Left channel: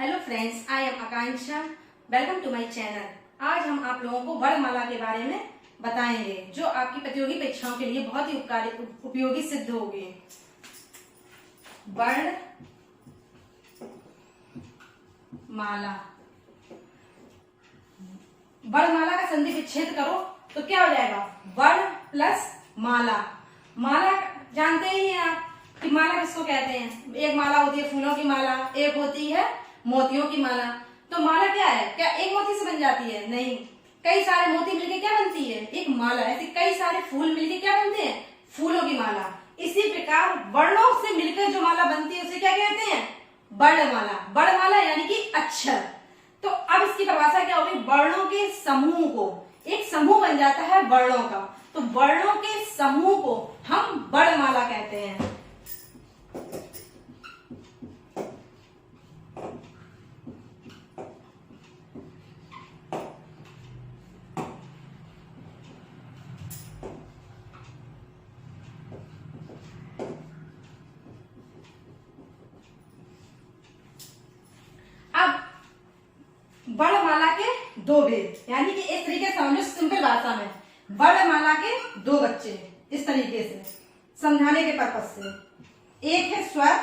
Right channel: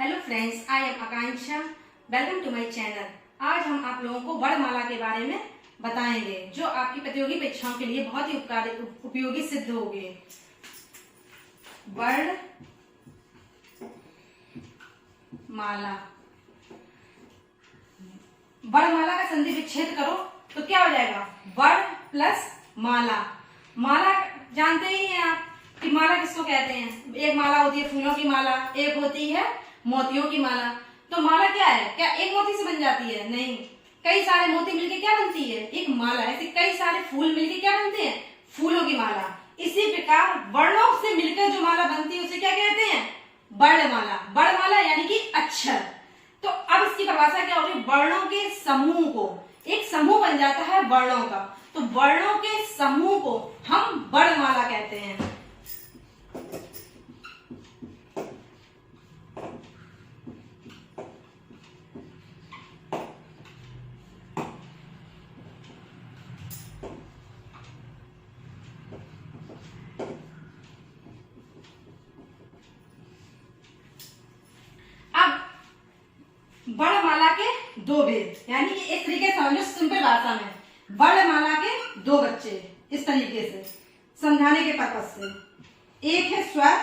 Hello friends, I am Akanksha. Welcome to my channel. आज हम आप लोगों को वर्णमाला के बारे में बताएंगे जो आपकी प्रतियोगी परीक्षाओं के लिए बहुत ही उपयोगी सिद्ध होगी। वर्णमाला, वर्णमाला का संधि विच्छेद करो तो क्या हो जाएगा? वर्ण प्लस माला। माला जानते ही हैं आप कि माला किसको कहते हैं। एक माला होती है फूलों की माला, एक होती है मोतियों की माला। तो माला क्या है? क्या एक मोती से बन जाती है? नहीं, कई सारे मोती मिलके क्या बनती है? एक माला। ऐसे कई सारे फूल मिलके क्या बनते हैं? फूलों की माला। इसी प्रकार वर्णों से मिलकर जो माला बनती है उसे क्या कहते हैं? वर्णमाला। वर्णमाला यानी कि अक्षर। तो अब इसकी परिभाषा क्या होगी? वर्णों के समूह को, एक समूह बन जाता है वर्णों का, तो वर्णों के समूह को हम वर्णमाला कहते हैं। वर्णमाला के दो भेद, यानी कि इस तरीके से समझो सिंपल भाषा में, वर्णमाला के दो बच्चे, इस तरीके से समझाने के पर्पज से। एक है स्वर,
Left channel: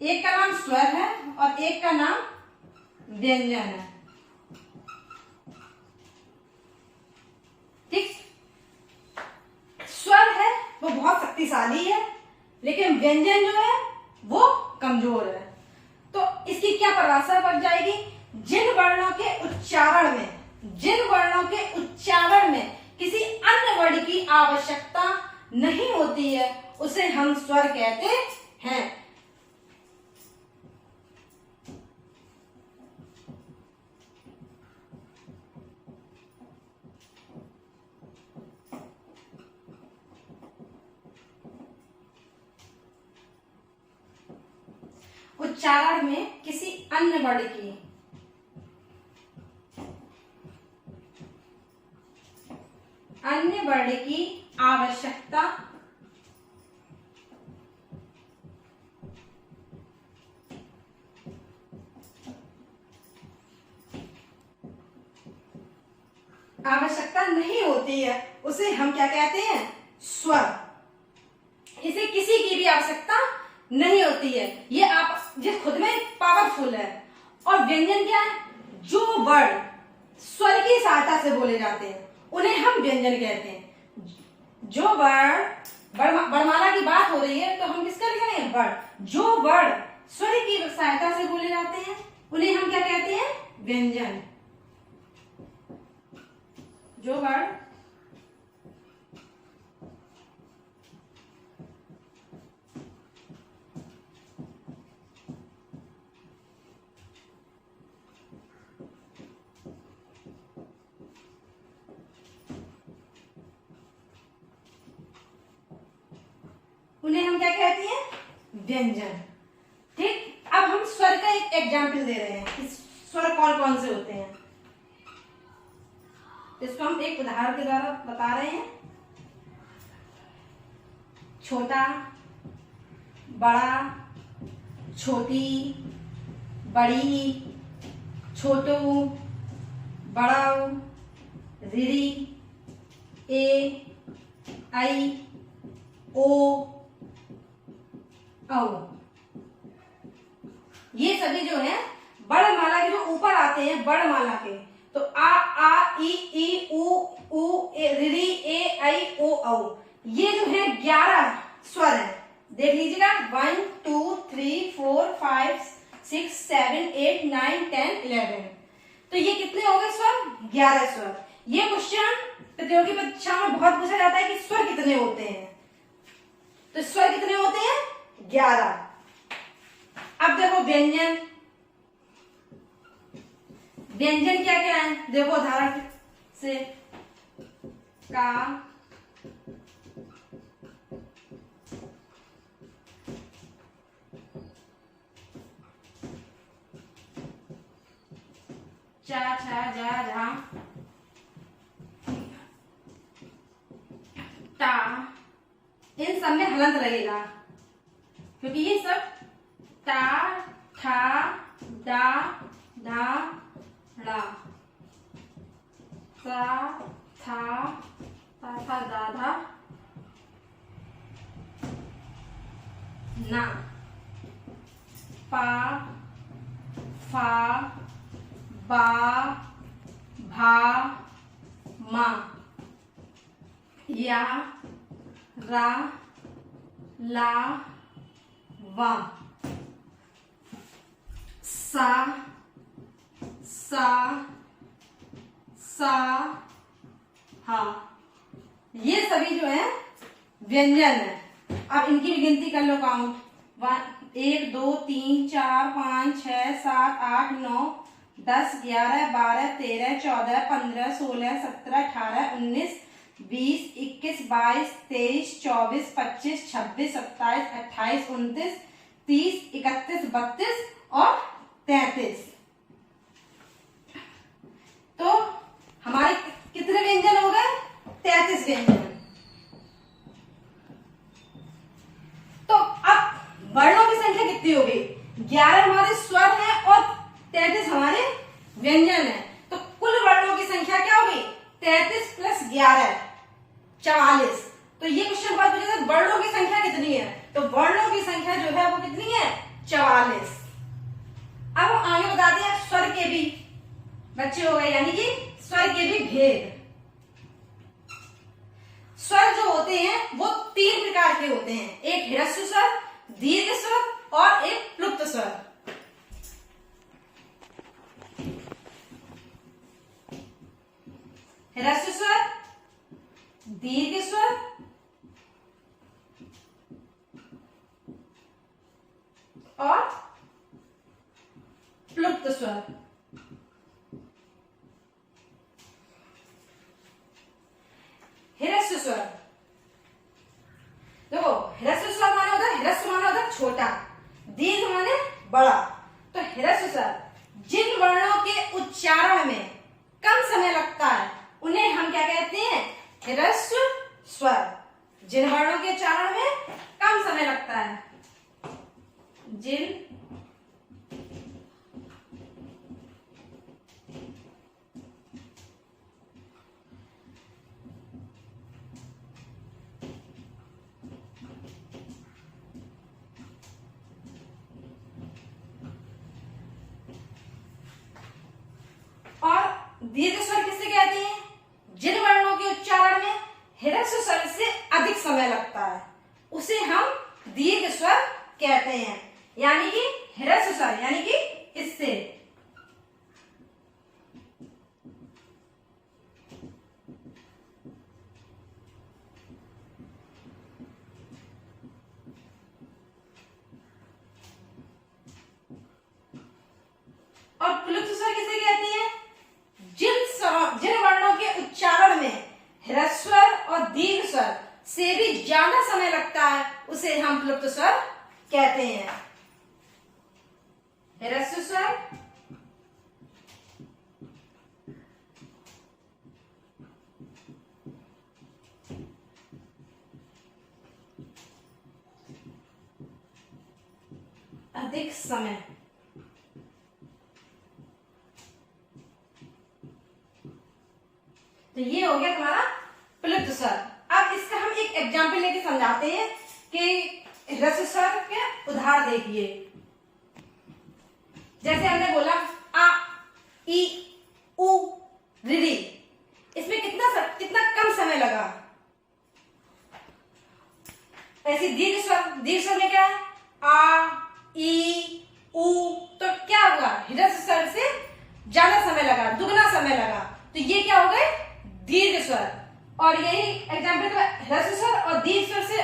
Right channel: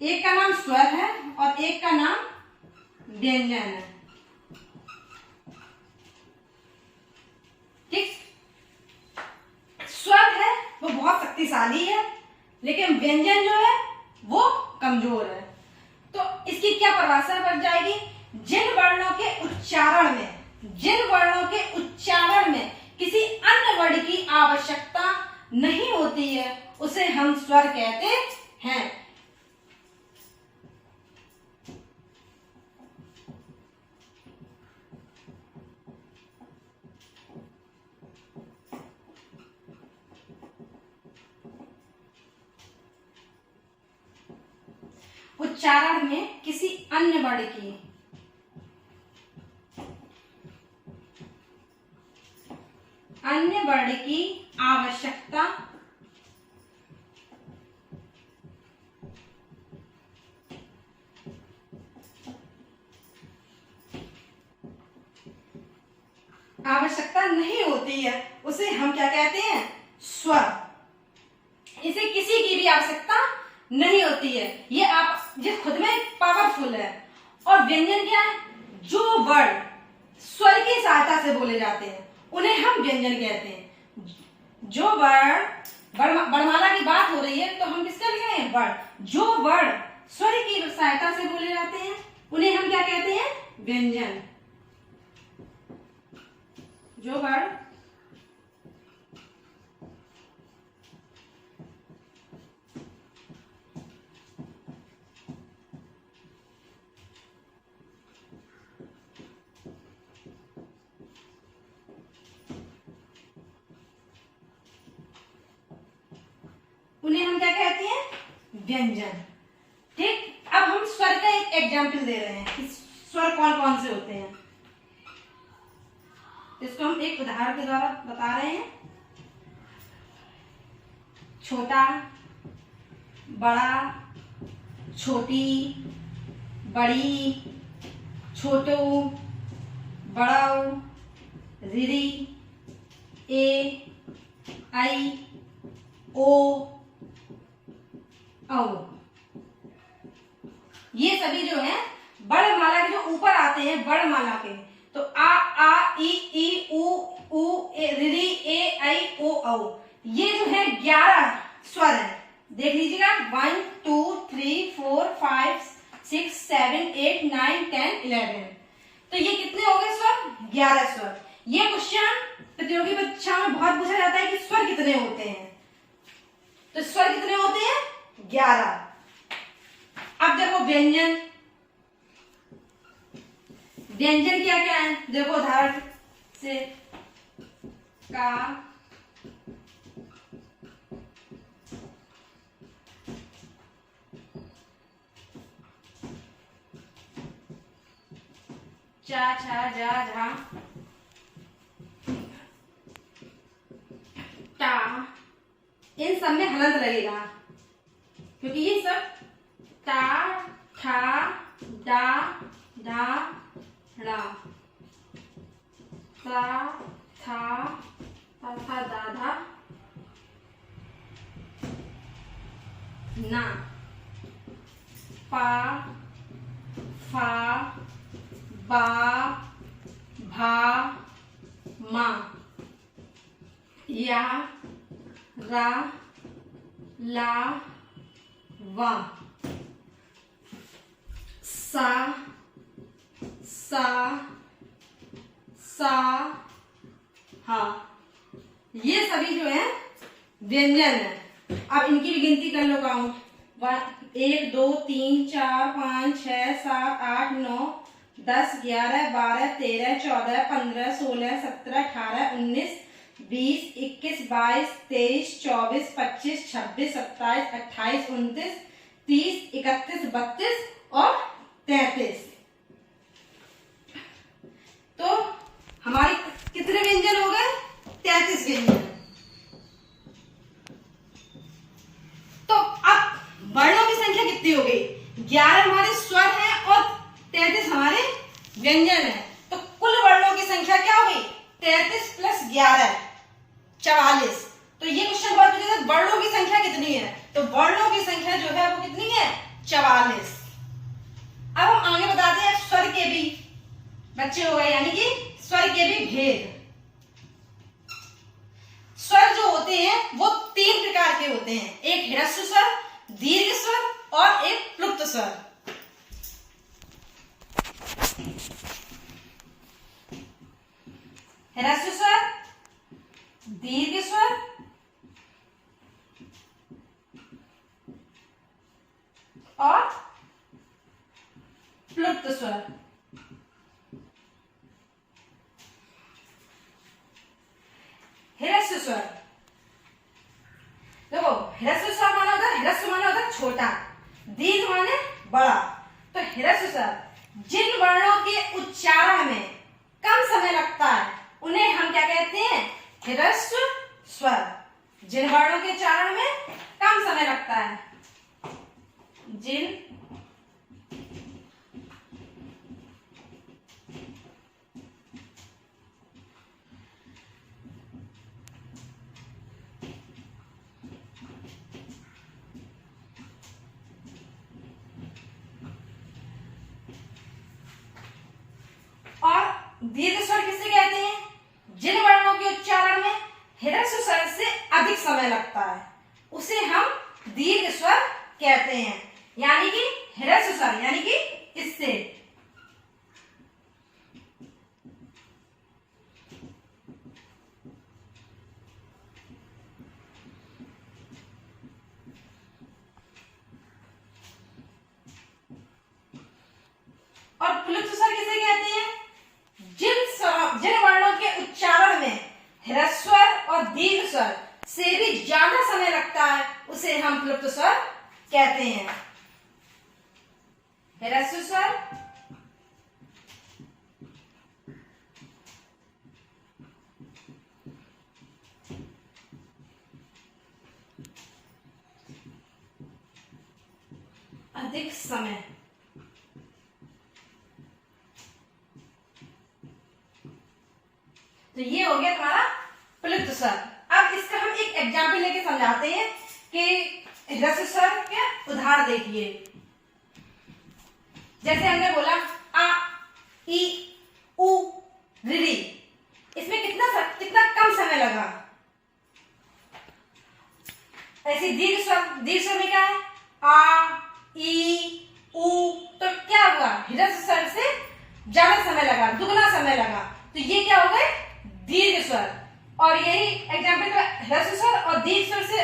एक का नाम स्वर है और एक का नाम व्यंजन है। ठीक, स्वर है वो बहुत शक्तिशाली है, लेकिन व्यंजन जो है वो कमजोर है। तो इसकी क्या परिभाषा बन जाएगी? जिन वर्णों के उच्चारण में किसी अन्य वर्ण की आवश्यकता नहीं होती है उसे हम स्वर कहते हैं। उच्चारण में किसी अन्य वर्ण की आवश्यकता नहीं होती है उसे हम क्या कहते हैं? स्वर। इसे किसी की भी आवश्यकता नहीं होती है, ये खुद में पावरफुल है। और व्यंजन क्या है? जो वर्ण स्वर की सहायता से बोले जाते हैं उन्हें हम व्यंजन कहते हैं। जो वर्णमाला की बात हो रही है तो हम किसका लिख रहे हैं? वर्ण। जो वर्ण स्वर की सहायता से बोले जाते हैं उन्हें हम क्या कहते हैं? व्यंजन। जो वर्ण उन्हें हम क्या कहते हैं? व्यंजन। ठीक, अब हम स्वर का एक एग्जाम्पल दे रहे हैं कि स्वर कौन कौन से होते हैं। इसको हम एक उदाहरण के द्वारा बता रहे हैं। छोटा, बड़ा, छोटी, बड़ी, छोटू, बड़ाऊ, ऋरी, ए, आई, ओ, औ। ये सभी जो है वर्णमाला के जो ऊपर आते हैं वर्णमाला के, तो आ ई उ ऋ ए ऐ ओ औ, ये जो है 11 स्वर है। देख लीजिएगा 1 2 3 4 5 6 7 8 9 10 11। तो ये कितने हो गए स्वर? 11 स्वर। ये क्वेश्चन प्रतियोगी परीक्षा में बहुत पूछा जाता है कि स्वर कितने होते हैं। तो स्वर कितने होते हैं? 11। अब देखो व्यंजन, व्यंजन क्या क्या है? देखो उदाहरण से, का, चा, छा, जा, झा, टा, इन सब में हलंत लगेगा क्योंकि ये सब टा ठा डा ढा ड़ा, सा था दा धा ना, पा फा बा भा मा, या रा ला वा, सा हा। ये सभी जो है व्यंजन है। अब इनकी भी गिनती कर लो, काउंट। 1 2 3 4 5 6 7 8 9 10 11 12 13 14 15 16 17 18 19 20 21 22 23 24 25 26 27 28 29 30 31 32 और 33। तो हमारे कितने व्यंजन हो गए? 33 व्यंजन। तो अब वर्णों की संख्या कितनी हो गई? 11 हमारे स्वर हैं और 33 हमारे व्यंजन हैं। तो कुल वर्णों की संख्या क्या हो गई? 33 प्लस 11 44। तो ये क्वेश्चन बहुत पूछा था, वर्णों की संख्या कितनी है? तो वर्णों की संख्या जो है वो कितनी है? 44। अब हम आगे बताते हैं स्वर के भी बच्चे हो गए, यानी कि स्वर के भी भेद। स्वर जो होते हैं वो 3 प्रकार के होते हैं, एक ह्रस्व स्वर, दीर्घ स्वर और एक प्लुप्त स्वर। ह्रस्व स्वर, दीर्घ स्वर और प्लुप्त स्वर। ह्रस्व स्वर, देखो ह्रस्व स्वर माने होता है, ह्रस्व माने होता है छोटा, दीर्घ माने बड़ा। तो ह्रस्व स्वर जिन वर्णों के उच्चारण में कम समय लगता है उन्हें हम क्या कहते हैं? ह्रस्व स्वर। जिन वर्णों के उच्चारण में कम समय लगता है, जिन और दीर्घ स्वर किसे कहते हैं? जिन वर्णों के उच्चारण में ह्रस्व स्वर से अधिक समय लगता है उसे हम दीर्घ स्वर कहते हैं। यानी कि ह्रस्व स्वर यानी कि इससे और प्लुप्त स्वर किसे कहते हैं? जिन वर्णों के उच्चारण में ह्रस्व स्वर और दीर्घ स्वर से भी ज्यादा समय लगता है उसे हम प्लुप्त स्वर कहते हैं। ह्रस्व स्वर, अधिक समय। तो ये हो गया तुम्हारा प्लुप्त स्वर। अब इसका हम एक एग्जाम्पल लेके समझाते हैं कि ह्रस्व स्वर के उदाहरण देखिए। जैसे हमने बोला आ ई उ री, इसमें कितना कम समय लगा। ऐसे दीर्घ स्वर में क्या है? आ ई उ, तो क्या हुआ? ह्रस्व स्वर से ज्यादा समय लगा, दुगना समय लगा। तो ये क्या हो गए? दीर्घ स्वर। और यही एग्जाम्पल तो ह्रस्व स्वर और दीर्घ स्वर से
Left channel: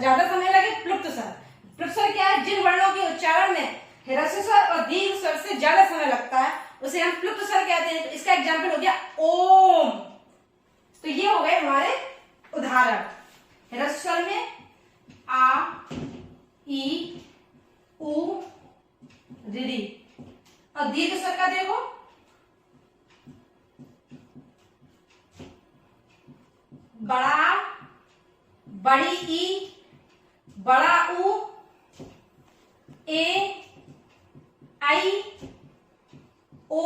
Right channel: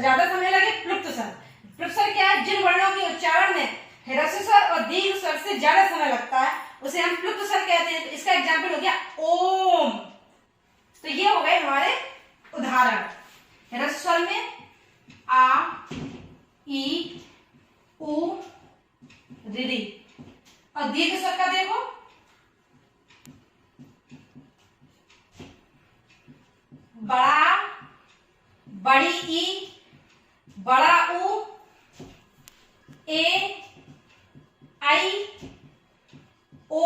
ज्यादा समय लगे प्लुप्त स्वर। प्लुप्त स्वर क्या है? जिन वर्णों के उच्चारण में ह्रस्व स्वर और दीर्घ स्वर से ज्यादा समय लगता है उसे हम प्लुप्त स्वर कहते हैं। तो इसका एग्जाम्पल हो गया ओम। तो ये हो गए हमारे उदाहरण। ह्रस्व स्वर में आ ई उ री, और दीर्घ स्वर का देखो बड़ा, बड़ी ई, बड़ा उ, ए, आई ओ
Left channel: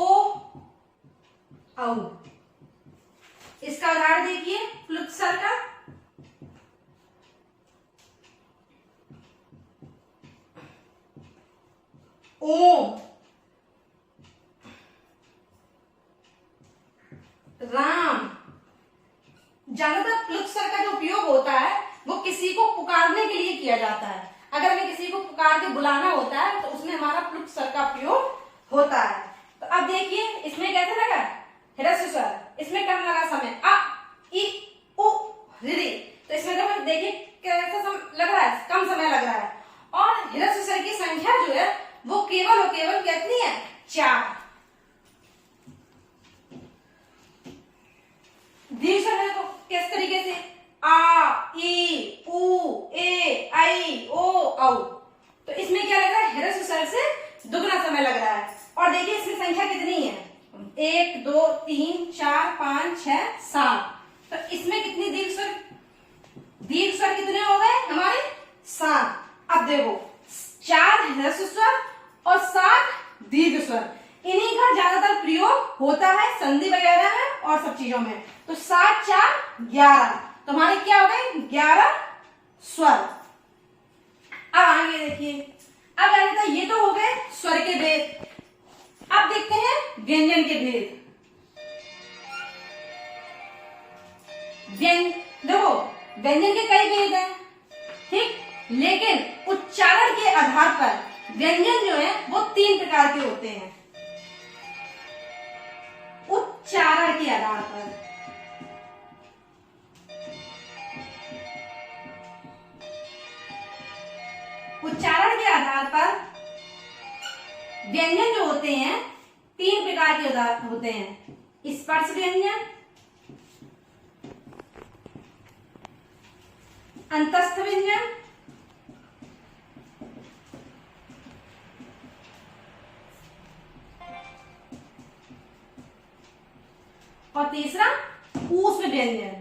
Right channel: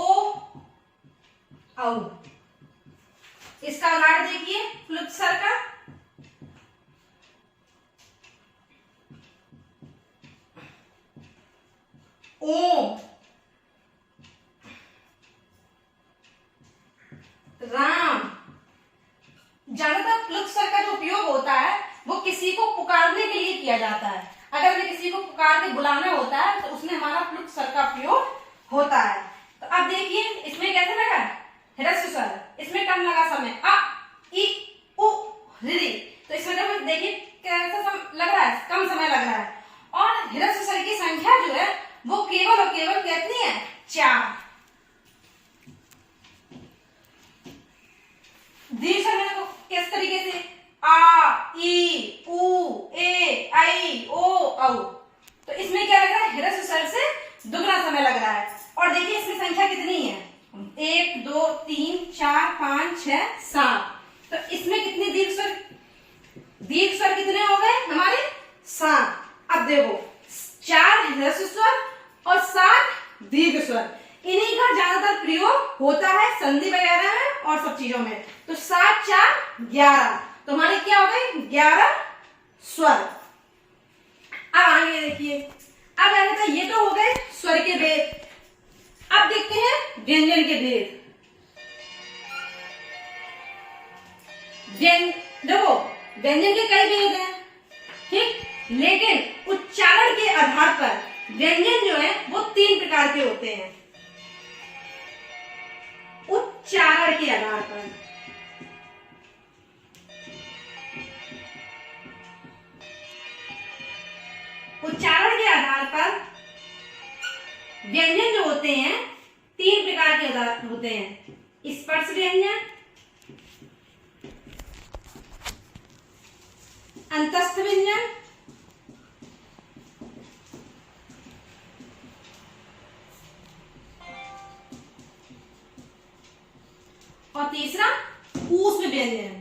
औ। इसका उदाहरण देखिए प्लुत स्वर का। ओम, राम। ज्यादातर प्लुत स्वर का जो उपयोग होता है वो किसी को पुकारने के लिए किया जाता है। अगर हमें किसी को पुकार के बुलाना होता है तो उसमें हमारा प्लुत स्वर का प्रयोग होता है। तो अब देखिए इसमें कैसे लगा ह्रस्व स्वर, इसमें कम लगा समय अ इ उ ऋ। तो इसमें जब देखिए कैसा लग रहा है, कम समय लग रहा है। और ह्रस्व स्वर की संख्या जो है वो केवल और केवल कितनी है, 4। दीर्घ स्वर को किस तरीके से आ ई उ ए आई ओ औ। तो इसमें क्या लग रहा है, ह्रस्व स्वर से दुगना समय लग रहा है। और देखिए इसमें संख्या कितनी है, 1 2 3 4 5 6 7। तो इसमें कितनी दीर्घ स्वर, दीर्घ स्वर कितने हो गए हमारे, 7। अब देखो 4 ह्रस्व स्वर और 7 दीर्घ स्वर, इन्हीं का ज्यादातर प्रयोग होता है संधि वगैरह में और सब चीजों में। तो 7 4 11, तो हमारे क्या हो गए 11 स्वर। अब आगे देखिए, अब आगे तो ये तो हो गए स्वर के भेद। अब देखते हैं व्यंजन के भेद। देखो व्यंजन के कई भेद हैं, ठीक, लेकिन उच्चारण के आधार पर व्यंजन जो है वो 3 प्रकार के होते हैं। उच्चारण के आधार पर, उच्चारण के आधार पर व्यंजन जो होते हैं 3 प्रकार के होते हैं। स्पर्श व्यंजन, अंतस्थ व्यंजन और तीसरा ऊष्म व्यंजन।